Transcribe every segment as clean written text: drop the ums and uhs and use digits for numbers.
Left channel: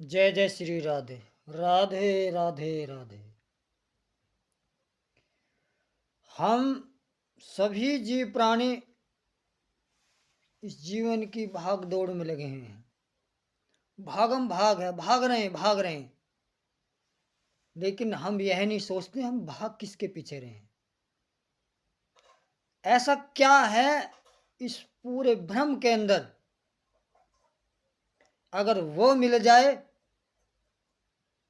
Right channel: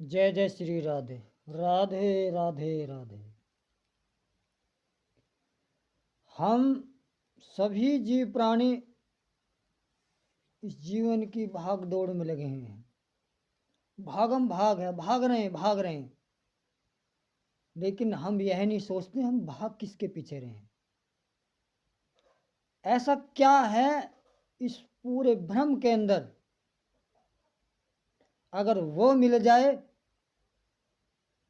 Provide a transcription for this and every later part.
जय जय श्री राधे। राधे राधे राधे। हम सभी जीव प्राणी इस जीवन की भाग दौड़ में लगे हुए हैं। भागम भाग है, भाग रहे हैं। लेकिन हम यह नहीं सोचते हम भाग किसके पीछे रहे हैं। ऐसा क्या है इस पूरे भ्रम के अंदर, अगर वो मिल जाए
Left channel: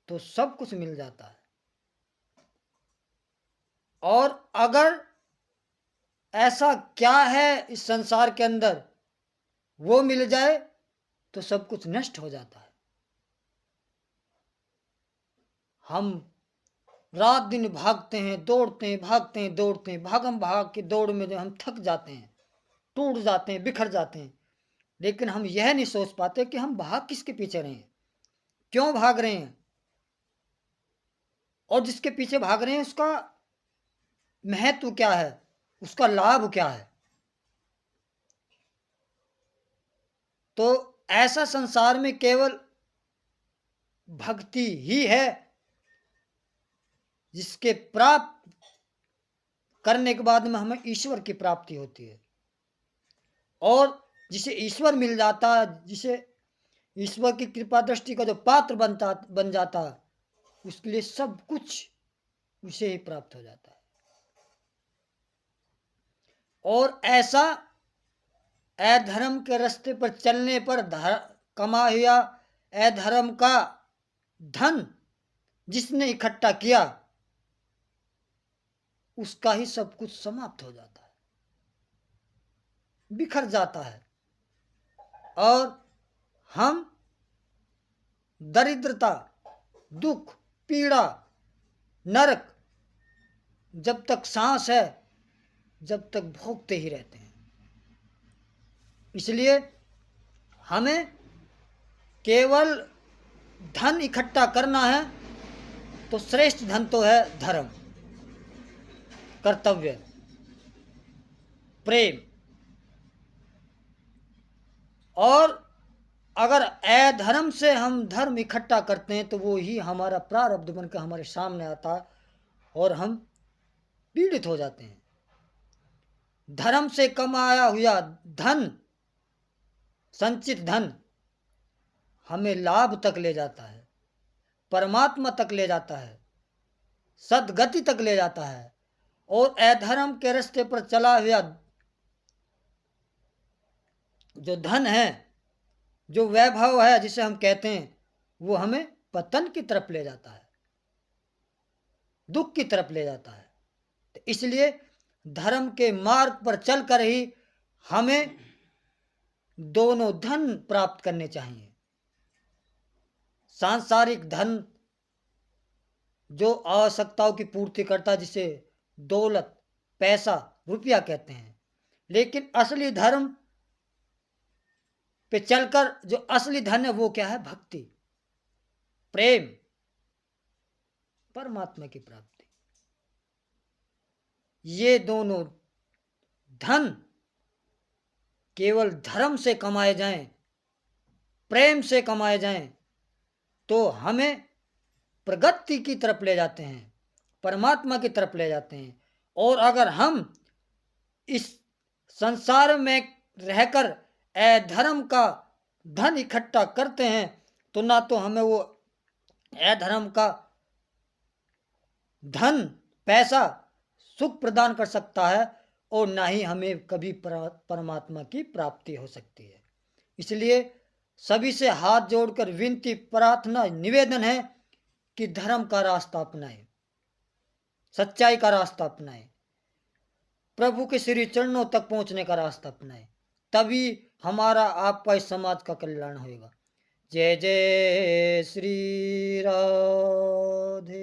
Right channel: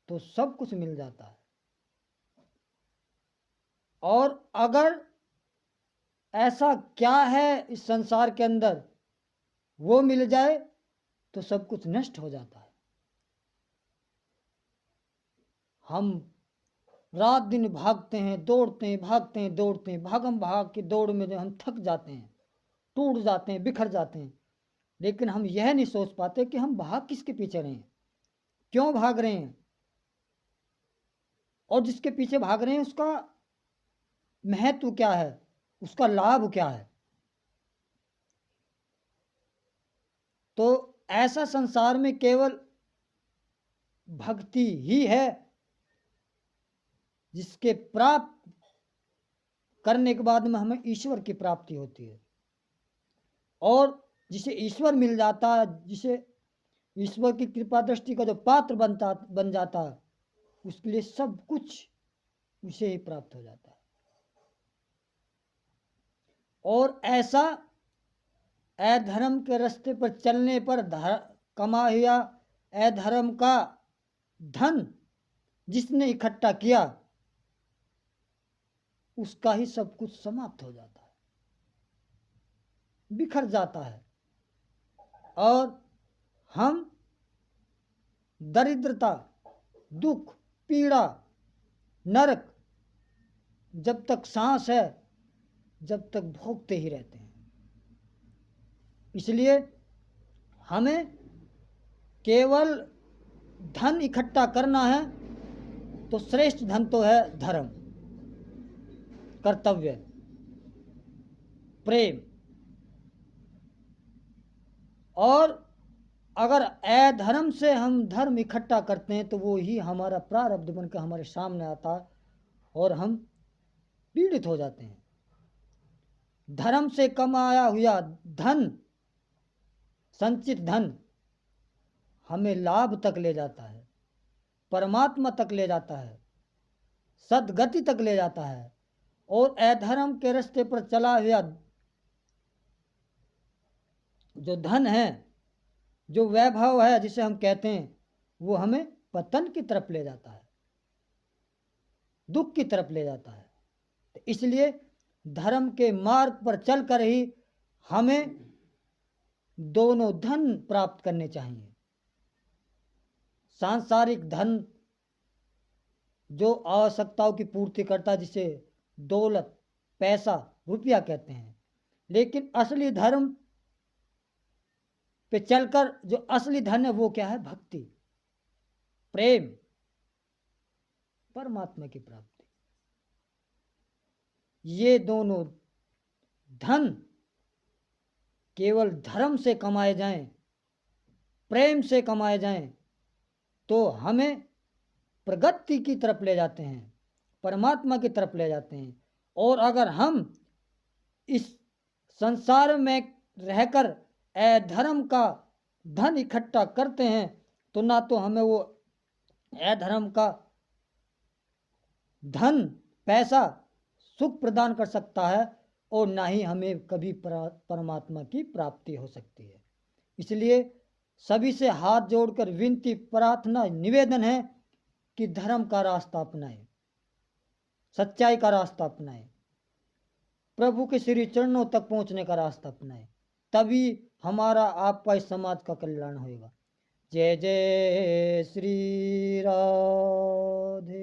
तो सब कुछ मिल जाता है, और अगर ऐसा क्या है इस संसार के अंदर वो मिल जाए तो सब कुछ नष्ट हो जाता है। हम रात दिन भागते हैं, दौड़ते हैं, भागते हैं, दौड़ते हैं, भागम भाग की दौड़ में जो हम थक जाते हैं, टूट जाते हैं, बिखर जाते हैं। लेकिन हम यह नहीं सोच पाते कि हम भाग किसके पीछे रहे हैं, क्यों भाग रहे हैं, और जिसके पीछे भाग रहे हैं उसका महत्व क्या है, उसका लाभ क्या है। तो ऐसा संसार में केवल भक्ति ही है जिसके प्राप्त करने के बाद में हमें ईश्वर की प्राप्ति होती है। और जिसे ईश्वर मिल जाता है, जिसे ईश्वर की कृपा दृष्टि का जो पात्र बन जाता है, उसके लिए सब कुछ उसे ही प्राप्त हो जाता है। और ऐसा अधर्म के रास्ते पर चलने पर कमा हुआ अधर्म का धन जिसने इकट्ठा किया, उसका ही सब कुछ समाप्त हो जाता है, बिखर जाता है। और हम दरिद्रता, दुख, पीड़ा, नरक, जब तक सांस है जब तक भोगते ही रहते हैं। इसलिए हमें केवल धन इकट्ठा करना है तो श्रेष्ठ धन तो है धर्म, कर्तव्य, प्रेम। और अगर अधर्म से हम धर्म इकट्ठा करते हैं तो वो ही हमारा प्रारब्ध बनकर हमारे सामने आता है और हम पीड़ित हो जाते हैं। धर्म से कमाया हुआ धन, संचित धन हमें लाभ तक ले जाता है, परमात्मा तक ले जाता है, सदगति तक ले जाता है। और अधर्म के रास्ते पर चला हुआ जो धन है, जो वैभव है जिसे हम कहते हैं, वो हमें पतन की तरफ ले जाता है, दुख की तरफ ले जाता है। तो इसलिए धर्म के मार्ग पर चलकर ही हमें दोनों धन प्राप्त करने चाहिए। सांसारिक धन जो आवश्यकताओं की पूर्ति करता है, जिसे दौलत, पैसा, रुपया कहते हैं। लेकिन असली धर्म पे चलकर जो असली धन है वो क्या है? भक्ति, प्रेम, परमात्मा की प्राप्ति। ये दोनों धन केवल धर्म से कमाए जाएं, प्रेम से कमाए जाएं, तो हमें प्रगति की तरफ ले जाते हैं, परमात्मा की तरफ ले जाते हैं। और अगर हम इस संसार में रहकर अधर्म का धन इकट्ठा करते हैं तो ना तो हमें वो अधर्म का धन, पैसा सुख प्रदान कर सकता है, और ना ही हमें कभी परमात्मा की प्राप्ति हो सकती है। इसलिए सभी से हाथ जोड़कर विनती, प्रार्थना, निवेदन है कि धर्म का रास्ता अपनाएं, सच्चाई का रास्ता अपनाएं, प्रभु के श्री चरणों तक पहुंचने का रास्ता अपनाएं। तभी हमारा, आपका, इस समाज का कल्याण होगा। जय जय श्री राधे।